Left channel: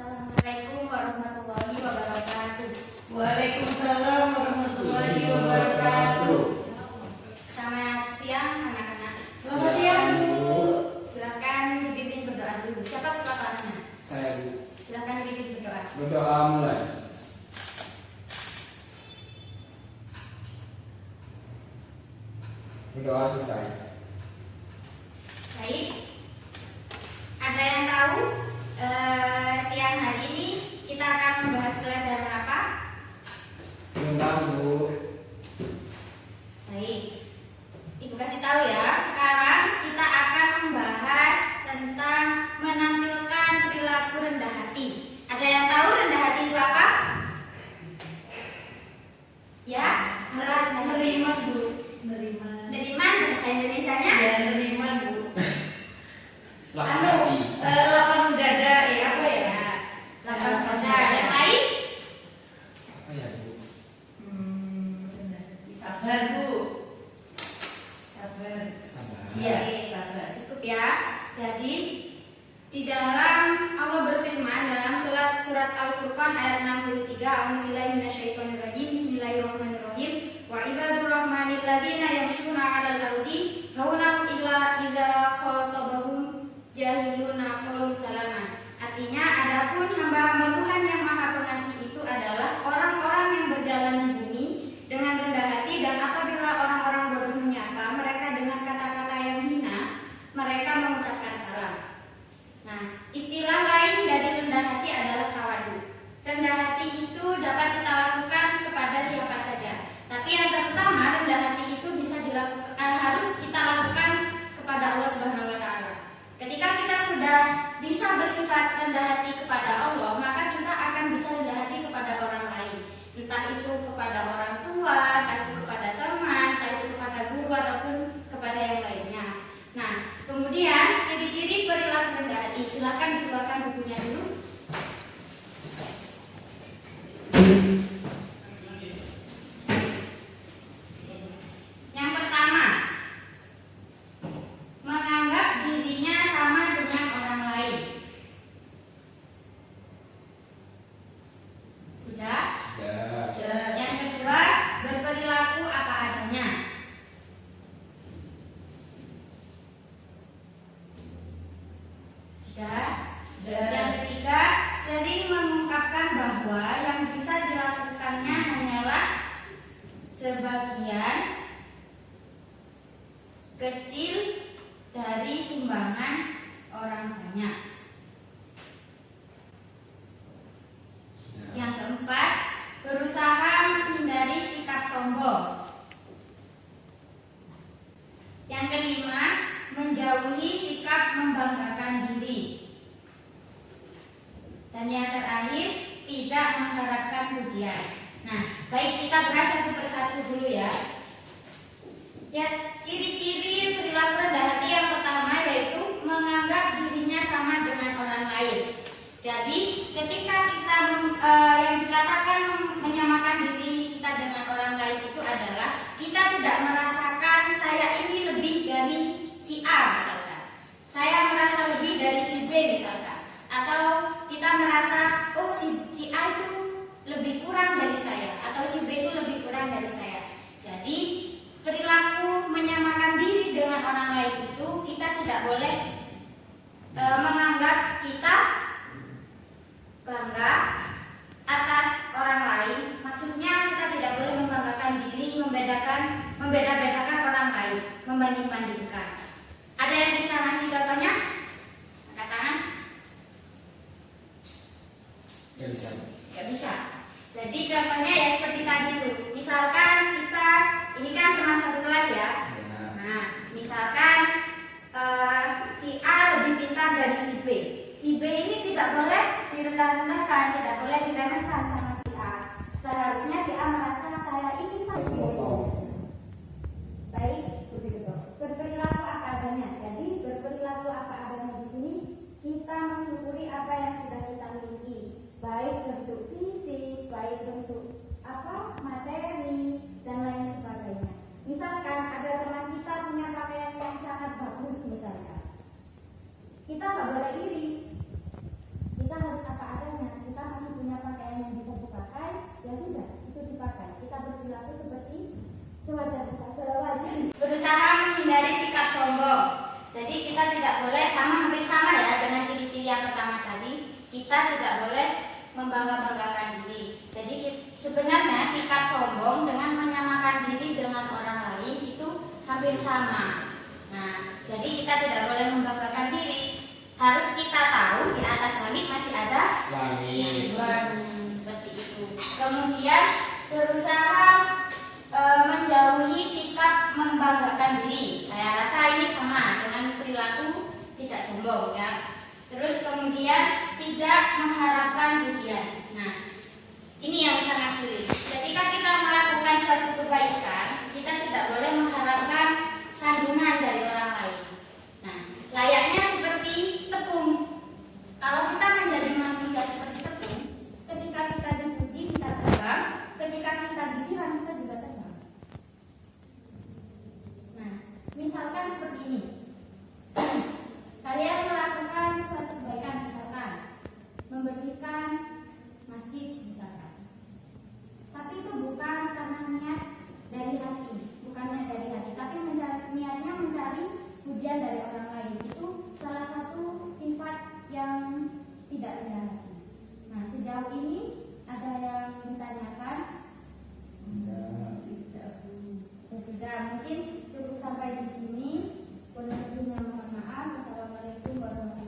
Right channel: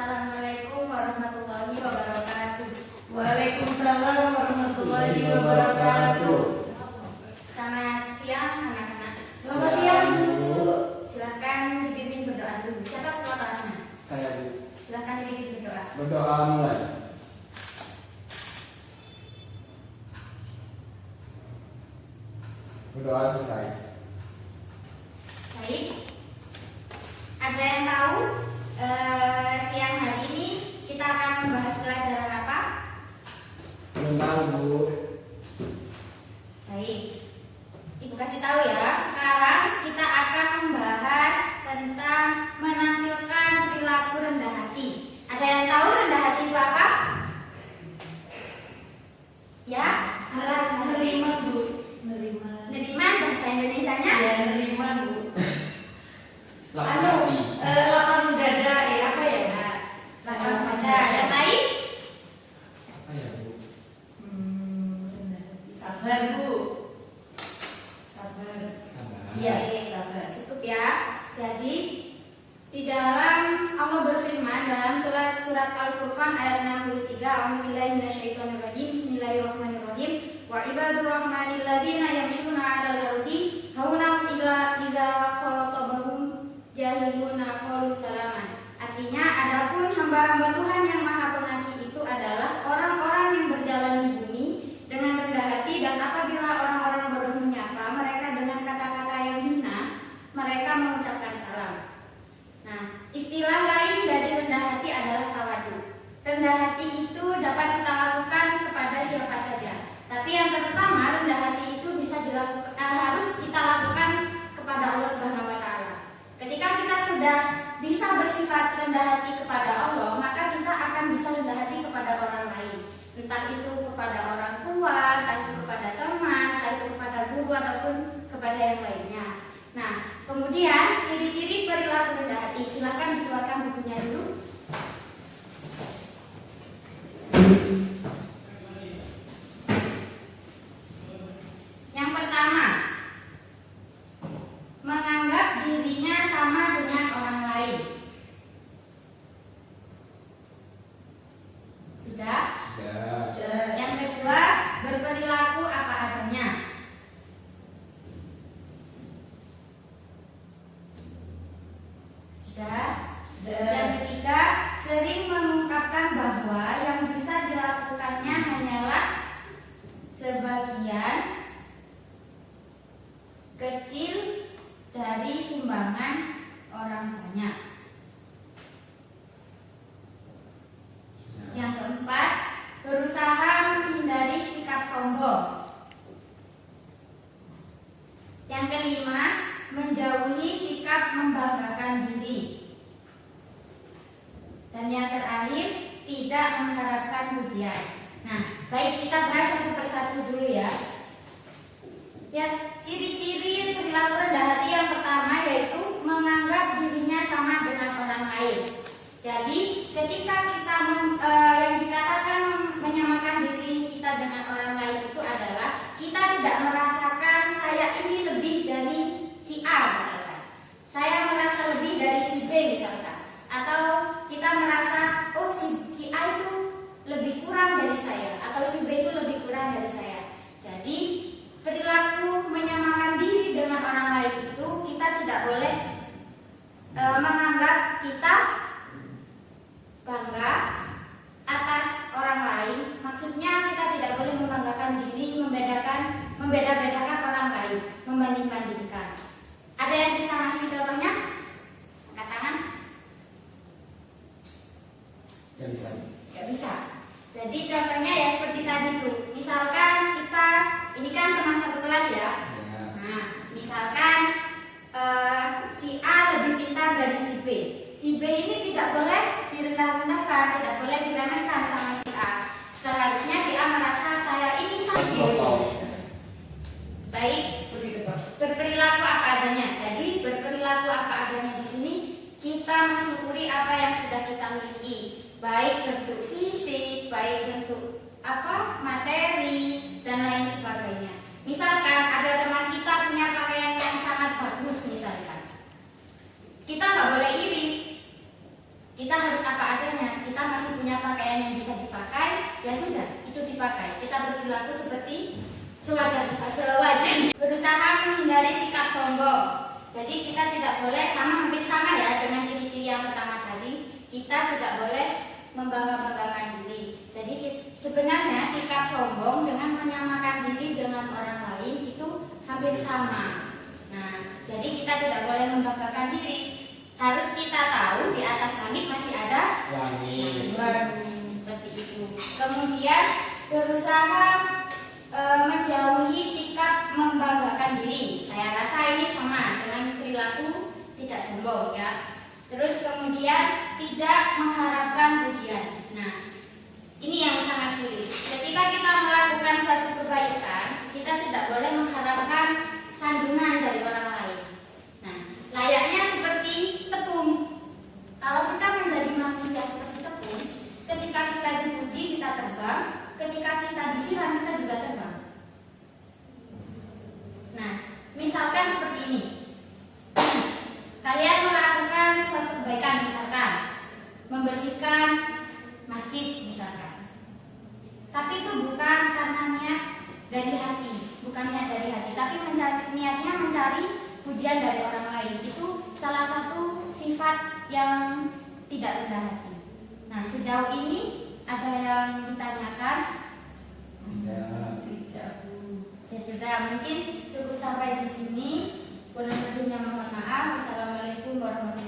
Assalamualaikum warahmatullahi wabarakatuh. Waalaikumsalam warahmatullahi wabarakatuh. Selamat siang anak-anak. Selamat siang, Bu. Silahkan dipimpin berdoa dulu. Siapa ketua kelasnya? Saya, Bu. Silahkan dipimpin berdoa. Berdoa mulai. Berdoa selesai. Baik. Ada yang tahu siang hari ini kita akan membahas pelajaran apa? Belum tahu, Bu. Baik. Ibu kasih tahu ya. Sekarang kita akan membahas tentang menampilkan perilaku rendah hati. Ada yang tahu rendah hati itu apa? Ya, Nerima, Bu. Nerima. Neriman bahasa Indonesianya? Ya, nerima, Bu. Lapang hati. Lapang dada, ya apa ya? Lapang dada. Yang lain? Apa ya, Bu? Rendah hati. Sabar, Bu. Sabar. Sabar. Iya, sabar. Cukup ya. Jadi di dalam Allah berfirman dalam surat Al-Furqan ayat 63, A'udzubillahi minasyaitonirrajim. Bismillahirrahmanirrahim. Wa ibadur rahmanil ladzina yamshuna 'alal ardi hauna idza khatabahum jahiluna qalu salaman. Artinya, adapun hamba-hamba Tuhan yang Maha Pengasih itu adalah orang-orang yang berjalan di bumi dengan rendah hati, dan apabila orang-orang bodoh menyapa mereka dengan kata-kata yang hina, mereka mengucapkan salam. Nah, istilah lain dari rendah hati adalah tawadu. Rendah hati itu dapat kita lakukan kepada siapa saja. Tapi yang pertama, rendah hati itu harus kita lakukan kepada Allah Subhanahu wa taala. Ketika kita sudah bisa bersifat rendah hati kepada Allah, maka kita akan bisa rendah hati kepada orang lain. Entah itu kepada orang tua, entah itu kepada teman, entah itu kepada guru ataupun kepada yang lainnya. Nah, kemudian ciri-ciri perilaku rendah hati. Silakan dikeluarkan bukunya dulu. Yang pertama, menganggap dirinya sama dengan orang lain. Sudah? Sudah. Yang kedua, berperilaku apa adanya. Sudah? Yang ketiga, sering mengungkapkan bahwa yang bisa dilakukannya hanyalah sebagian kecil dari sumbangan orang banyak. Yang keempat, berusaha menghindari sikap sombong. Yang kelima, menjauhi sikap membanggakan diri. Dan yang terakhir, tidak mengharapkan pujian. Nah, baik, kita bahas satu persatu dulu ya. Ya, ciri-ciri perilaku rendah hati yang pertama yaitu menganggap dirinya sama dengan orang lain. Jadi, ketika kita yang dikatakan menyamakan diri kita dengan orang lain itu adalah kita tidak merasakan saya ini lebih dari si A misalkan. Saya merasa lebih dari si B misalkan. Atau kita merasa oh si A itu lebih kurang dari saya, atau si B itu lebih kurang dari saya. Jadi perilaku menyamakan diri dengan orang lain itu kita tidak boleh menganggap kita bangga atas orang lain. Maksudnya kita tidak boleh membanggakan diri, membeda-bedakan orang lain, membanding-bandingkan. Ada yang bisa ngasih contohnya? Angkat tangan. Gak bisa. Gak bisa. Jadi contohnya ya seperti tadi itu. Misalkan kita, ini kan teman satu kelas ya. Ya. Nah, misalkan si A lebih pintar dari si B. Si B ini tidak boleh direndah-rendahkan, tidak boleh diremehkan sama si A. Seharusnya si A merasa saya ini sama. Baik, berperilaku apa adanya. Jadi berperilaku apa adanya di sini kita mensyukuri apa yang sudah kita miliki, baik bentuk fisik, baik bentuk materi dan lain sebagainya. Misalkan ada teman kita punya pakaian yang sangat bagus misalkan, kita nggak boleh iri. Kita harus apa adanya. yang bisa dipakai, ya sudah, itu dipakai. Kita berperilaku seperti sewajarnya. Berusaha menghindari sikap sombong. Jadi kita tidak boleh hampir sama ya dengan ciri-ciri yang pertama tadi. Kita tidak boleh membangga-banggakan diri. Jadi sebenarnya sikap sombong dengan menyamakan diri dengan orang lain itu hampir sama. Nah, jadi kita tidak boleh membanggakan diri. Harus kita tahu di atas langit masih ada Langit. seperti itu. Kemudian berusaha menjauhi sikap membanggakan diri. Saya rasa ini sama dengan perilaku tidak sombong ya. Terus kemudian tidak mengharapkan pujian. Nah, ini yang sangat sulit. Ketika kita melakukan suatu kebaikan, kita tidak boleh mengharapkan sanjungan dari orang lain. Nah, layaknya seperti tepung. Kalau kita menjadi manusia seperti tepung, ketika kita dipuji kita terbang, ketika kita disiram kita juga terbang. Nah, misalkan seperti ini. Kalian melakukan suatu kebaikan, misalkan membersihkan masjid misalkan. Tapi itu bukan karena niat dari hati, bukan niat dari hati, tapi niatnya mencari pujian dari orang lain. Itu salah satu sifat yang tidak rendah hati. Nah, sejauh ini ada yang ditanyakan? Tidak, Bu. Ya sudah, mungkin cukup sampai di sini. Kurang lebihnya mohon maaf. Wassalamualaikum warahmatullahi wabarakatuh.